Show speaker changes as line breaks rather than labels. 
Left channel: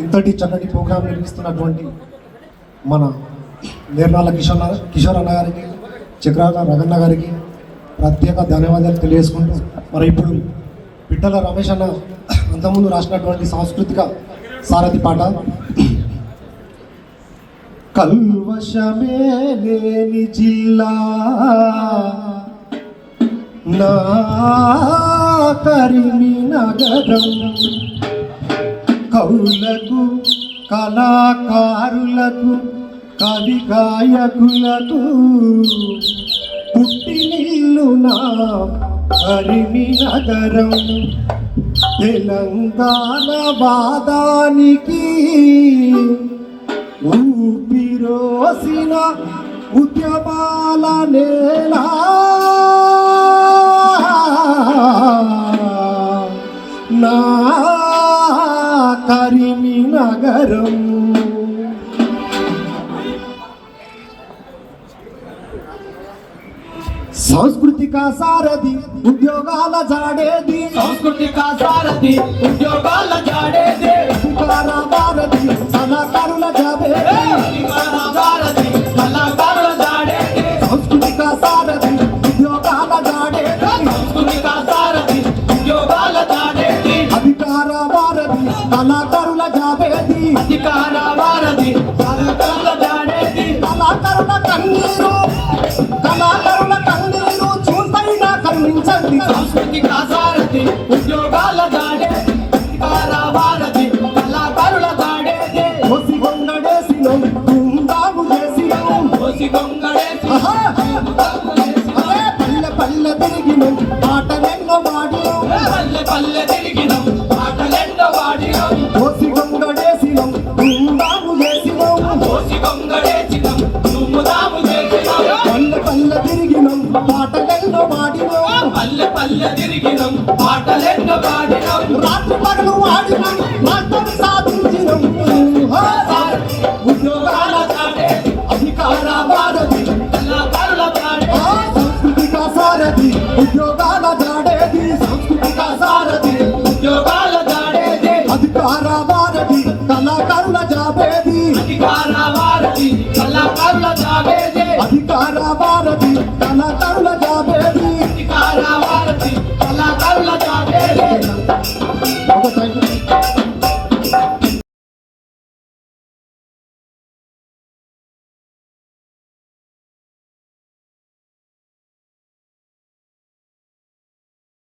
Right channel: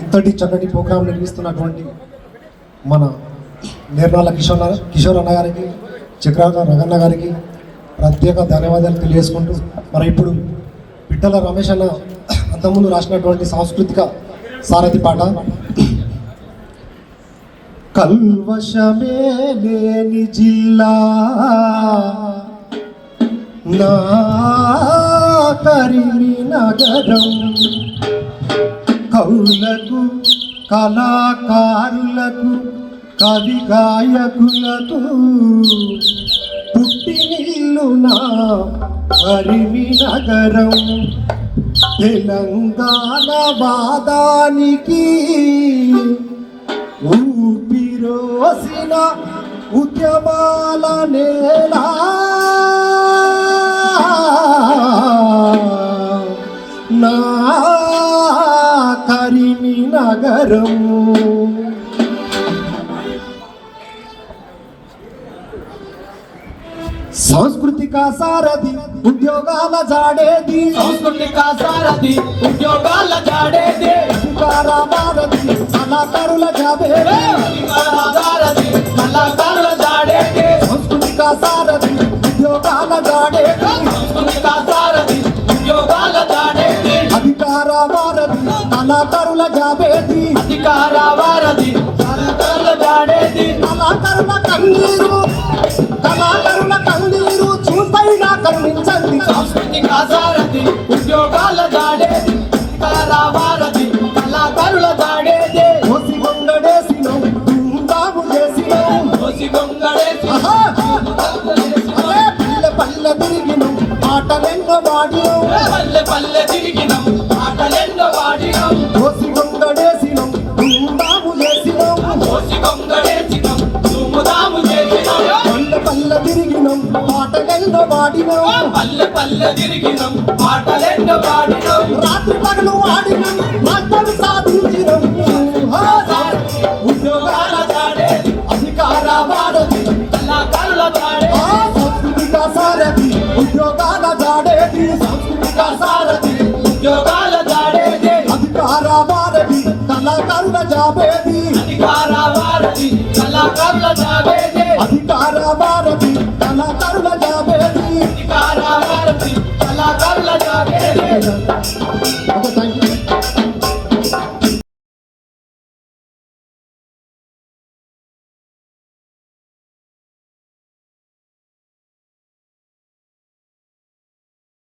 ఇంతటి చక్కటి ప్రోగ్రాం నిర్మిస్తున్నటువంటి మన నిర్మల కిషోర్ కిషోర్ అన్న గారికి చక్రాల రగన్న గారికి ప్రత్యేక ధన్యవాదాలు తెలియజేసుకుంటూ మరి ఇప్పుడు పిట్టల రమేష్ అన్న అంతకుముందు రాసినటువంటి సాంస్కృతిక సారథి పాట. కల్వశమే లేని జిల్లా నా కరిమి నగరం. కవులకు కళాకారులకు కవి గాయకులకు పుట్టినిల్లు నా హరిమి నగరం తెలంగాణ వాదానికి ఊపిరోసిన ఉద్యమాల నేల. నా కరిమి నగరం. సాంస్కృతిక సారథి ఉద్యోగాల జాడేది.
సాంస్కృతిక సారథి
జాబేది
అధికార వారధి కళాకారుల జాడేది
కళాకారుల కన్నీరు కళాకారుల కన్నీరు చూసైనా కరుణించండి.
సాంస్కృతిక సారథి ఉద్యోగాల జాడేది అధికార వారధి కళాకారుల జాడేదే
కోసి గొంగడేసిన ధూమ్ధాము చేసిన
కోసి గొంగడేసి
అరే పల్లె పల్లె తిరిగిన పాటలెన్నో వాడిన
పల్లె పల్లె తిరిగినం
తిరిగినం
పాడిన.
రాత్రి పాటలు వాడిన. మాత్రం